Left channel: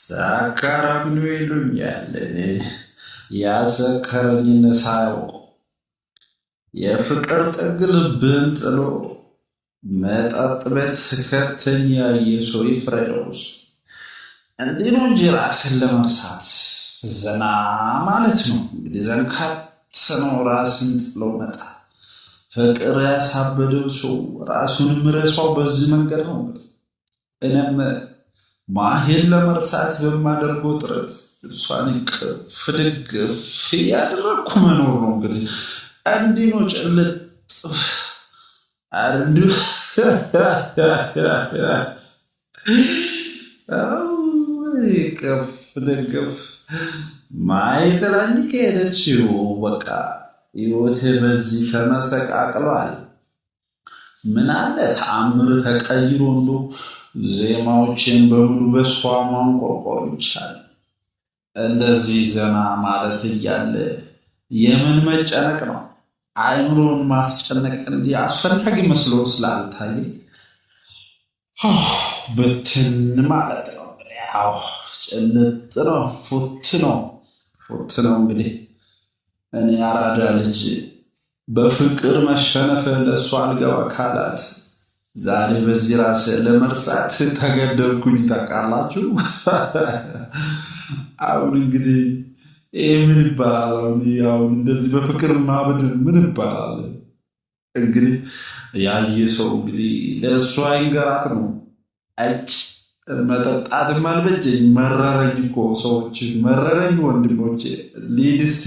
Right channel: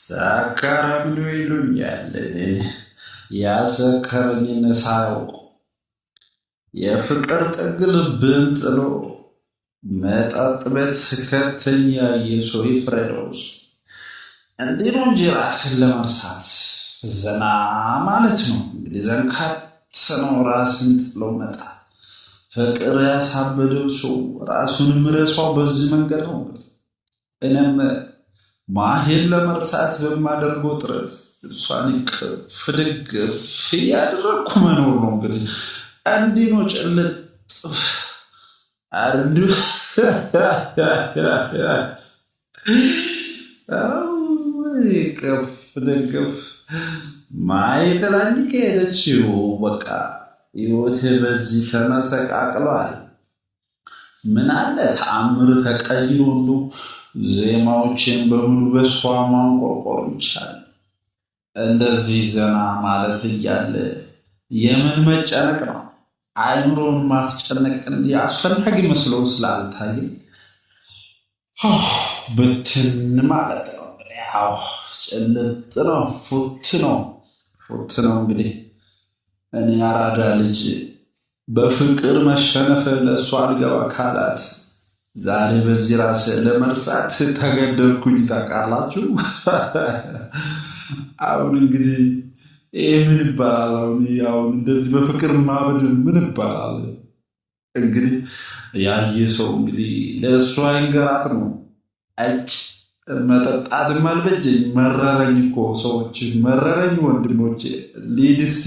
ሰካራም ነው ይሉኛል። ያሰከረኝን ሳያውቁ የፍቅር ጥግ ልብን ጥሎ መጠጥ ቤት ስከተኝ ያየ ሰው ይፍረደው። እንዲህ ነው እንጂ ራስን ለመርሳት ዘና ማለት ነው። እንግዲህ ዘንካት ነው ራስን ጥሎ መጣ። ፍቅር ያሳበደው ሰው ራሱን ምረሷው በዚህ መንገድ ነው። እንግዲህ እኔም ማሄን ለመርሳት በማደርገው ጥረት እሷን ቅፍ ድግፍ እያደረግኩ መኖር ነው። እንግዲህ እንዲህ ነው ጭልጥ አንዱ ቅፍ ድግፍ ማየትላኝ ከሄደችው በቃ ሕይወቴ በዚህ ተመሰቃቅሏል። ምን አለ ተአምር ተቀይሮ እንዶ ዜማዎችን በሙሉ በሷ ማንቆርቆር ይቻል። እንደዚህ ዘና ማለት እያለ የምን መጨነቅ ነው? አይምሮን ማስጨነቅ እንዲህ አስፈላጊ መስሎ ስላልታየ ብትን ማለት ነው። ያው ጭልጥ ነው፣ ፉት ነው። እንግዲህ እኔ አራዳ ልጅ በፍቅር መሸነፍ ለእሷ አልገባ ካላት ዛሬ በዚህ ራስ ለመርሳት ተገደልኩኝ። ታውቃላችሁ። አሁን እንግዲህ ይህ ምን ይባላል? አሁን እንደዚህ በፍቅር ማበድ ምን ይባላል? እንግዲህ ያየ ሰው እንግዲህ ለእሷ ይንገራት ነው። እጭ መጠጣትም አልበጀኝ፣ መረረኝ እኮ ሰዎች፣ መረረኝ ወንድሞቼ። ሊድ እስቲ